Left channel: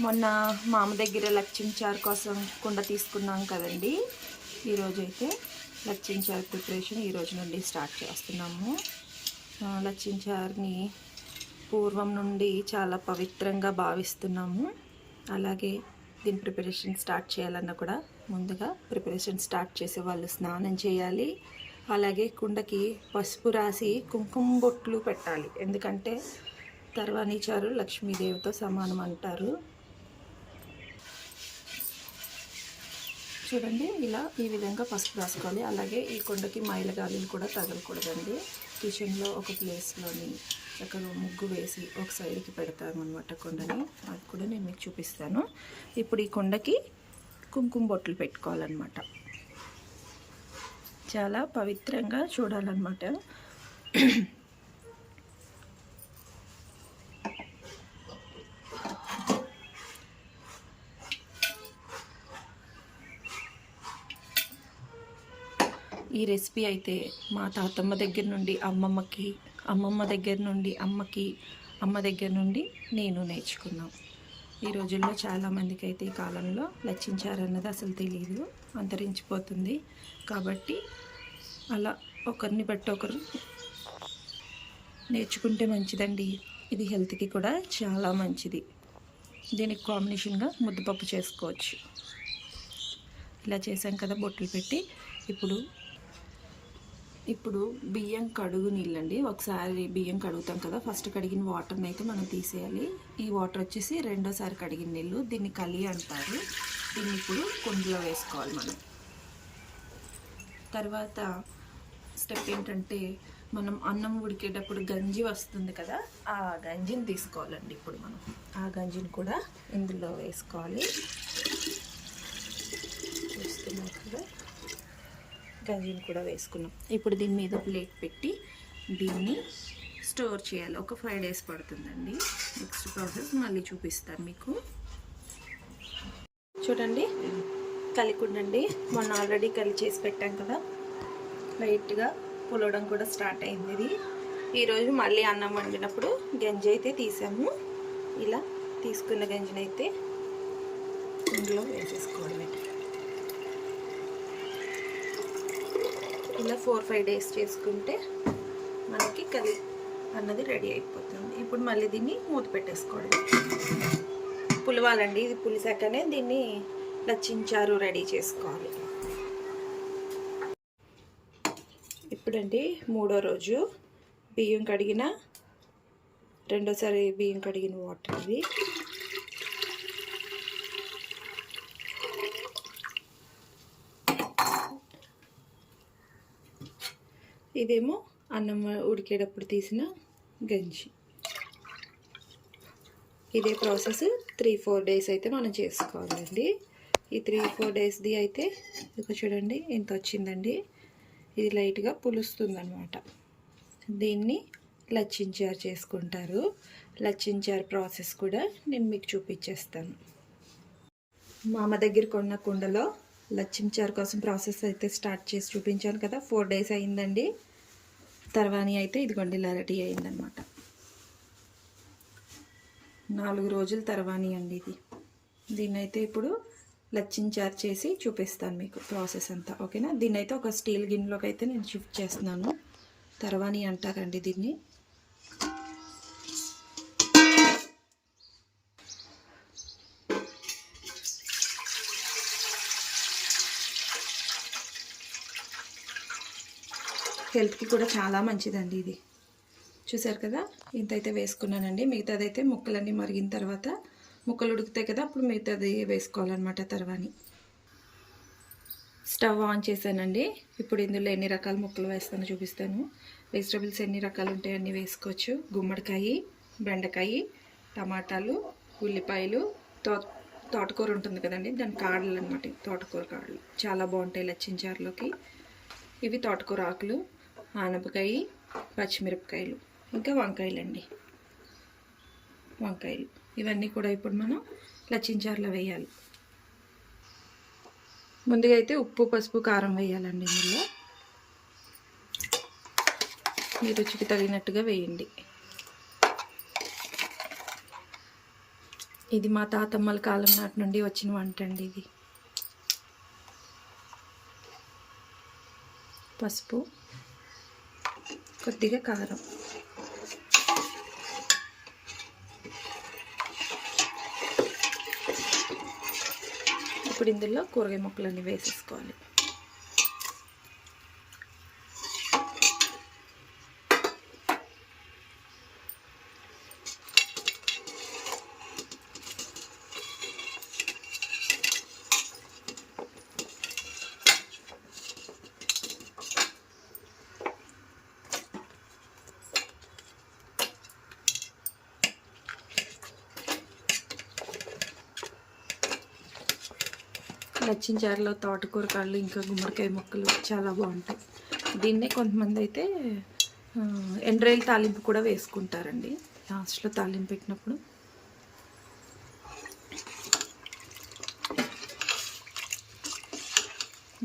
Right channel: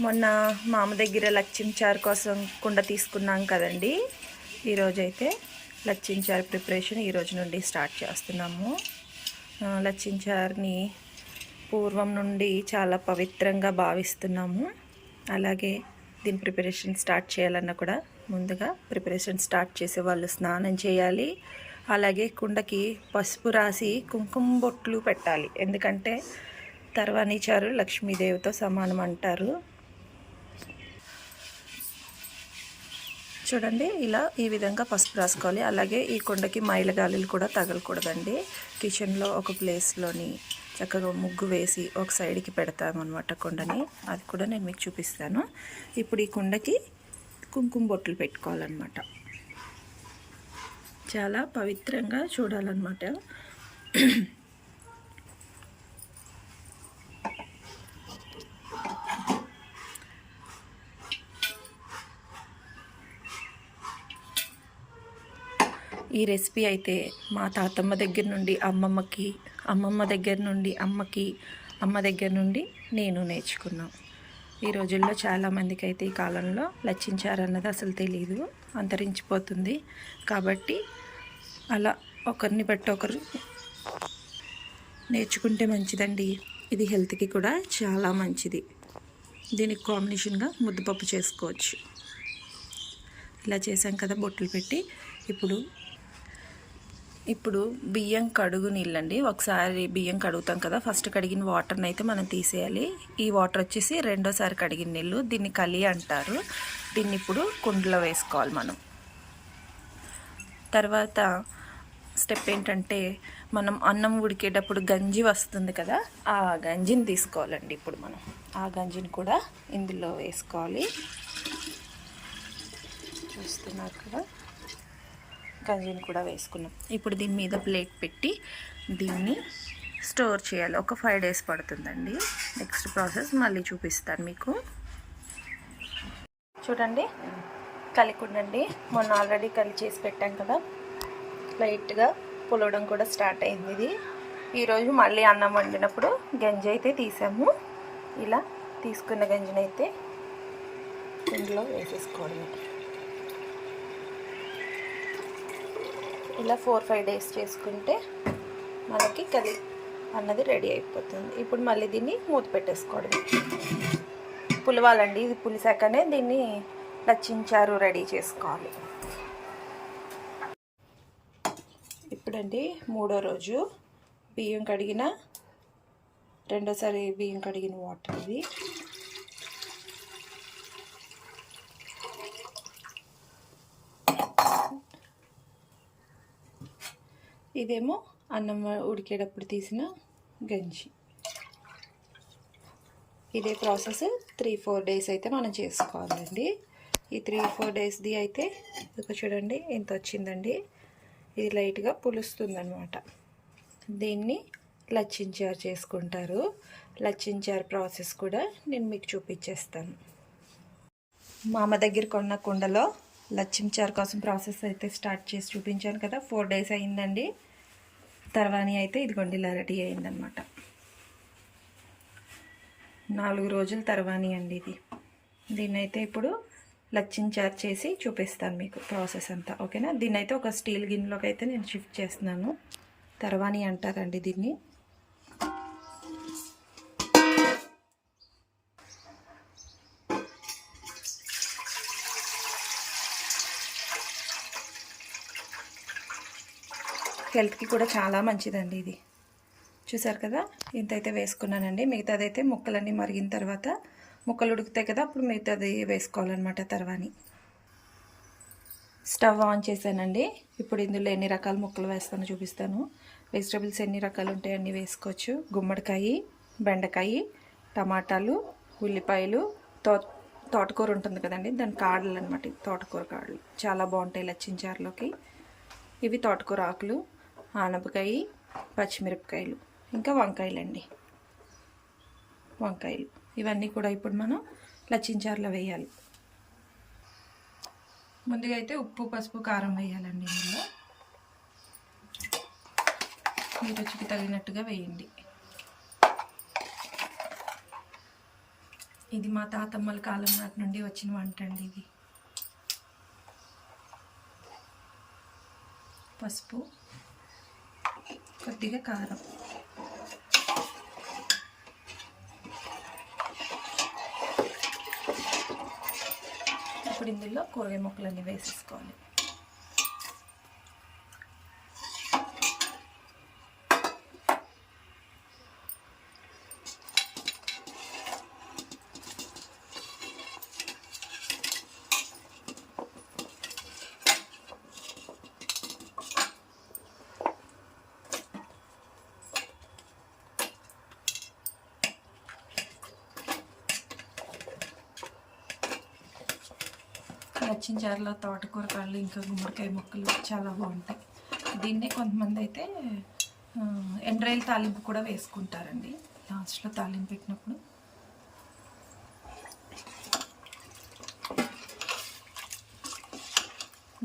మొన్న మామ దగ్గర లచ్చించారు కోసం కుండ తీసుకున్నాం కదండి. ఈరోజైతే లచ్చించారు ప్రిపరేషన్ ఈరోజు నుండి స్టార్ట్ చేస్తున్నాము. లచ్చించారుని పూర్వం నుండి చాలా పవిత్రంగా భావిస్తున్నాము. అలాగే దీని ప్రిపరేషన్ స్టార్ట్ చేయాలన్నా కూడా ముందుగా ప్రిపరేషన్ స్టార్ట్ చేసే వాళ్ళు స్నానం చేయాలి. అలాగే కుండకి పసుపు రాసి కుంకుమ బొట్లు పెట్టాలి. ఎందుకంటే తర్వాణి చారు లక్ష్మీదేవితో సమానం అంటారు. చూడండి, ఇలా ఈ విధంగా పసుపు రాసుకోవాలి. అలాగే ఈ కుండకి మైలగాలులు కూడా తగలకూడదండి. కిచెన్లో ఒక ప్లేస్లోని చక్కగా ముగ్గు వేసి ఒక సైడ్కి పెడతామన్నమాట కుండని. అది కూడా నేను మీకు చూపిస్తాను. ఇప్పుడు ఈ కుండకి కుంకుమ బొట్లు పెట్టుకోవాలన్నమాట. చాలా పవిత్రంగా చూడాలన్నమాట. ఈ రెసిపీ అయితే మా తాతమ్మ దగ్గర నుండి అమ్మమ్మకి, అమ్మమ్మ దగ్గర నుండి అమ్మకి, అమ్మ దగ్గర నుండి నేను నేర్చుకున్నాను. ఈ రోజుల్లో చాలామందికి అయితే ఈ కాలంలో లచ్చించారు అన్నది అసలు తెలియదు, అంతరించిపోతుంది. కాబట్టి అలా ఒకరిని బట్టి ఒకరు నేర్చుకుంటే మంచిదండి. ఇది హెల్త్కి కూడా చాలా మంచిది. దీనికి కాంబినేషన్గా ముద్దపప్పు చేసుకోవచ్చు. ఇలా చేసాం కదా బొట్లు పెట్టి. ఇప్పుడు బియ్యం కడుగు నీళ్ళండి. ఒకసారి బియ్యం కడుగుతాం కదా, ఫస్ట్ కడిగిన వాటర్ని అయితే మనం తీసేయాలి. ఈ వాటర్ వచ్చేసి రెండోసారి కడిగిన నీళ్ళు. దీన్ని కలి అంటారు. దీన్ని ఇప్పుడు కుండలో వేసుకోవాలి మనం. తర్వాత స్టెప్ ఏంటంటే, మనం అన్నం ఉడికేటప్పుడు గంజి వస్తుంది కదా, ఆ గంజిని తీసుకోవాలండి. ఇప్పుడు మనం ఆ గంజిని కూడా ఇందులో వేసుకోవాలి. చూస్తున్నారు కదా, గంజిని కూడా వేసుకున్నాం. ఇప్పుడు దీని మీద ప్లేట్ పెట్టి దీన్ని స్టోర్ చేయాలి. ఒక 5 days పడుతుందండి. నెక్స్ట్ ప్రాసెస్ మళ్ళీ చూపిస్తాను మీకు. చూడండి, కలికుండండి. మొన్న ఆల్రెడీ కలి చేసి పెట్టాం కదా, లైట్గా పులవడం కూడా స్టార్ట్ అయింది. ఇది ఈరోజు మళ్ళీ అన్నం వండినప్పుడు గంజి అయితే తీసాము. ఇలా తీసుకున్న గంజిని అయితే ఇందులో వేసేసుకోవడమే. ఇలా 4-5 days చేసుకుంటే మనకి కలి అన్నది రెడీ అయిపోతుంది. ఇప్పుడు మళ్ళీ దీన్ని మూత పెట్టేసుకోవడమే. పులవాలండి. ఇది పులిసాకనే దీన్ని లచ్చించారు రెడీ చేసుకోవాలి. ఇప్పుడండి 3వ రోజు బియ్యం కడిగిన, రెండోసారి బియ్యం కడిగిన వాటర్ ఇది. ఇదేమో అన్నం ఉడికేటప్పుడు తీసిన గంజి. ఇదే ప్రాసెస్ 3-4 days అయితే మనం చేసుకోవాలండి. ఈ 3-4 daysది అయితే ఇక చూడండి ఎంత వచ్చిందండి. ఇది లైట్గా పులుస్తుందన్నమాట. దీన్ని లచ్చించారు చేసుకుంటారు. లచ్చించారు ప్రాసెస్ కూడా నేను మీకు చూపించేస్తాను. మామ దగ్గర కొన్న కుండలో లచ్చించారు కోసం ప్రాసెస్ అయితే స్టార్ట్ చేసి చూపించాను కదా. 4 days అయిందండి. తర్వాణి అయితే ఇదిగోండి ఇలా రెడీ అయిందనమాట. 4 రోజుల తర్వాణి అండి ఇది. దీన్నైతే ఇప్పుడు లచ్చించారు చేసి చూపిస్తాను మీకు ప్రాసెస్ అంతా. ఓకేనా. దీన్నైతే ఒక స్టీల్ గిన్నెలోకి అయితే నేను షిఫ్ట్ చేస్తున్నాను. తర్వాణి అంటారండి దీన్ని. హెల్త్కి కూడా చాలా మంచిదండి ఇది. చూసారు కదా, ఇంతైతే వేసుకున్నానండి. మిగతాదైతే ముక్కలన్నీ మరిగిన తర్వాత, ముక్కలు ఉడుకుతాయి కదా, అప్పుడు మిగతాది వేసుకోవాలన్నమాట తర్వాణి. స్టవ్ ఆన్ చేశానండి. ఇప్పుడు ఇందులో ఎన్ని రకాల ముక్కలు వేస్తానో చూపిస్తాను. వెజిటబుల్స్ ఎన్ని రకాలు ఉంటాయి అన్నీ వేసుకోవచ్చు. గుమ్మడికాయ, బెండకాయ, టమాటాలు, ఉల్లిపాయలు, తోటకూర ఉంటుంది కదండి, దాని కాడలు అనమాట. తోటకూర కాడలు చాలా బాగుంటాయి లచ్చించారులోకి. ఇవి తోటకూర ఆకులు, ఆనపకాయ, పచ్చిమిరపకాయలు, ఇంకా వంకాయలండి. వంకాయలు ఇవన్నీ కూడా ఇప్పుడు మనం లచ్చించారులో వేయాలి. ముందుగా అయితే ఉప్పు, పసుపు, కారం వేయాలండి. ఇందులో మీ రుచికి తగినట్టుగా వేయండి. ఇది మా తాతమ్మల కాలం నాటి నుండి వచ్చిన వంట అండి. ఇది పసుపు, కొద్దిగా కారం, ఇప్పుడు ఇందులో కూరగాయ ముక్కలన్నీ వేసేసుకోవాలి. లచ్చించారులో తోటకూర కాళ్ళు ఇంకా గుమ్మడికాయ ముక్కలు చాలా బాగుంటాయి. దీన్నే కొంతమంది అయితే ఎండ్రాయిల్ తాలింపు కూడా వేసుకుంటారండి లాస్ట్లో తాలింపు పెట్టినప్పుడు.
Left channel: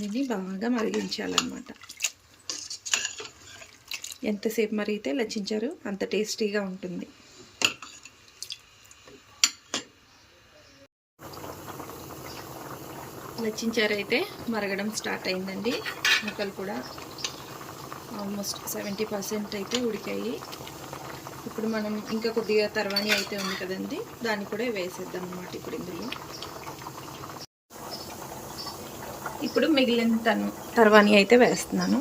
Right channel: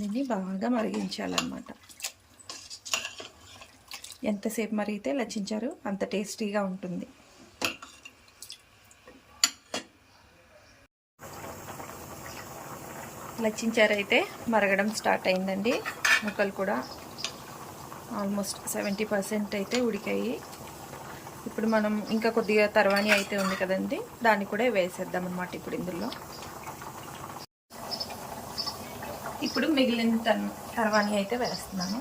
దీన్ని బాగా మరిగించాలన్నమాట. ఎంతసేపు మరిగితే లచ్చించారు అంత టేస్టీగా ఉంటుంది. లచ్చించారు అయితే మరగడం స్టార్ట్ అయిందండి. ముక్కలు కూడా ఆల్మోస్ట్ 70% అయితే ఉడికాయి. ఇప్పుడు మనం ఇంకా కొద్దిగా తర్వాణి అయితే ఉంది కదండి, దాన్ని కూడా వేసేద్దాం అన్నమాట. ఇప్పుడు ఇందులో ఇప్పుడు మిగిలిన తర్వాణి అయితే వేస్తున్నాను.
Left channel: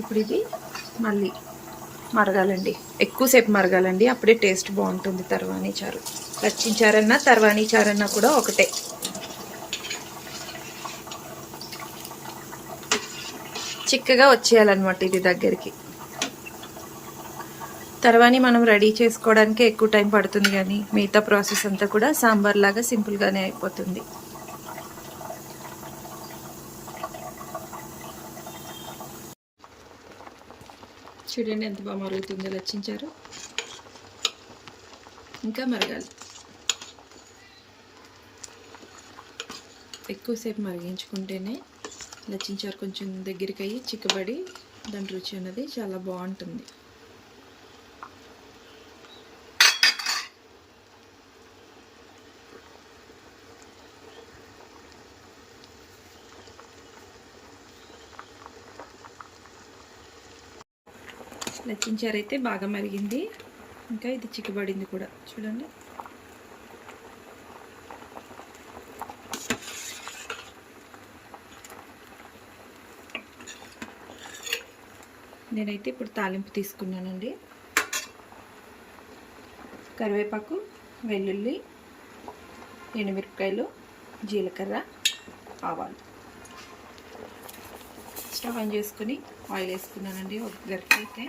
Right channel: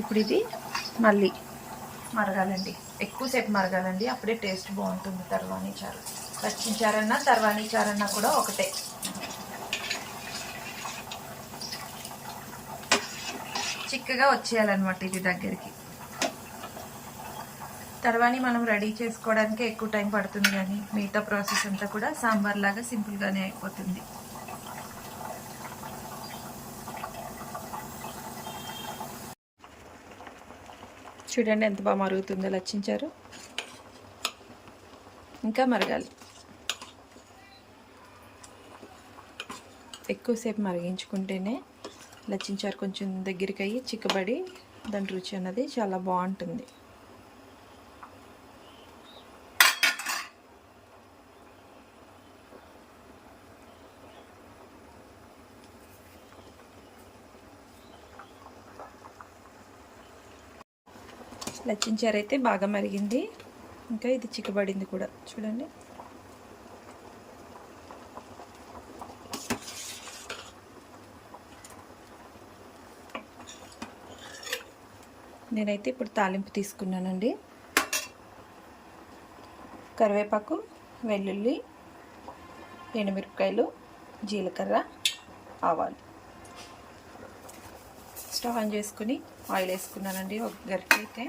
ఇప్పుడు ఇది మళ్ళీ మరగాలండి, ఎక్కువసేపు మరగాలండి, అప్పుడే టేస్ట్ బాగుంటుంది. తర్వాణి చారు, లచ్చించారన్నా తర్వాణి చారన్నా కూడా ఒకటే. చిక్కగా వచ్చేయాలన్నమాట ఇది దగ్గరికి. తర్వాణి మనం రెడీ చేసుకోవడానికి ఎక్కువ టైం పడుతుంది, కానీ మిగతా ప్రాసెస్ అంతా కూడా సాంబార్ లాగా సింపుల్గానే అయిపోతుంది. చూడండి ఎంత బాగా మరుగుతుందో లచ్చించారు. ఇంకా మరగాలి, ఎక్కువసేపు మరిగించుకుంటేనే లచ్చించారు కొంచెం దగ్గరికి అయ్యి చిక్కబడి దాని రుచి అన్నది చాలా బాగుంటుంది. లచ్చించారు అయితే బాగా మరిగింది, ఇంకా ఇది చిక్కబడింది కూడా. చూడండి నేనైతే ఇప్పుడు తాలింపు తీసుకున్నానండి. కరివేపాకు, వెల్లుల్లి, ఎండుమిరపకాయలు, జీలకర్ర, ఆవాలు. స్టవ్ ఆన్ చేసుకుని ఆయిల్ వేసుకున్నానండి ఒక గరిటె.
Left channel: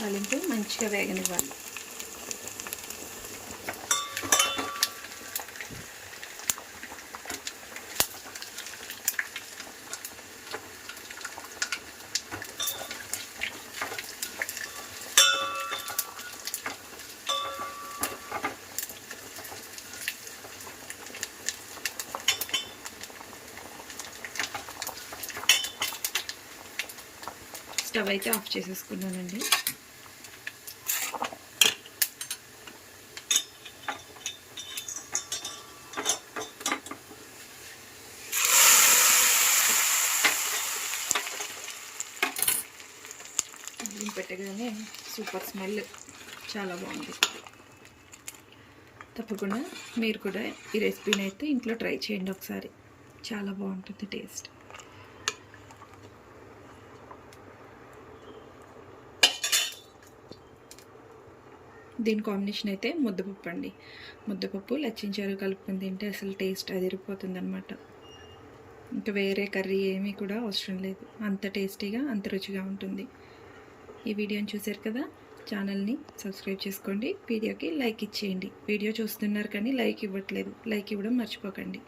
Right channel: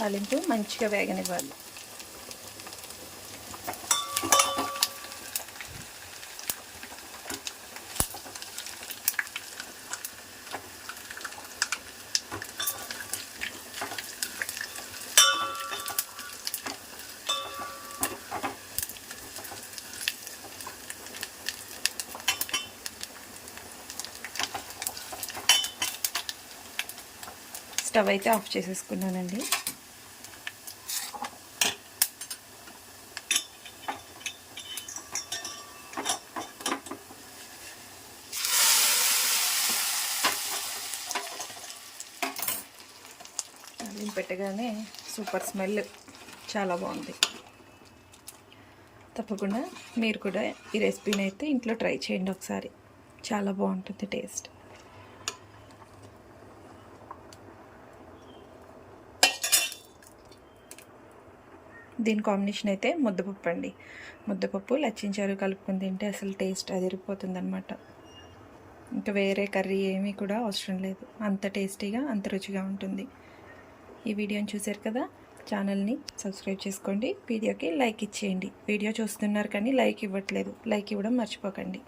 తాలింపు మంచిగా వేగనివ్వాలి. స్టవ్ అయితే ఆఫ్ చేసేసుకున్నానండి. పెట్టగానే సూపర్ స్మెల్, చాలా బాగుంది. తప్పకుండా మీరు కూడా ఈ రెసిపీని అయితే ఇంట్లో ట్రై చేయండి ఒకసారి, చాలా బాగుంటుంది టేస్ట్. దీని కాంబినేషన్ అయితే ముద్దపప్పు అండి. ముద్దపప్పు లచ్చించారు కలుపుకొని తింటే అసలు టేస్ట్ అదిరిపోతుంది అనమాట. ఇంకా వేరే కర్రీ ఏమీ కూడా అవసరం లేదు, అంత టేస్టీగా అంత రుచిగా ఉంటుంది. ఈ వీడియోని చూశారు కదా, ఛానల్ని సబ్స్క్రైబ్ చేసుకోండి, వీడియోకి లైక్ ఇచ్చేయండి. వీడియో చూస్తున్నారు కానీ లైక్ ఇవ్వట్లేదు, లైక్ ఇవ్వడం మర్చిపోకండి.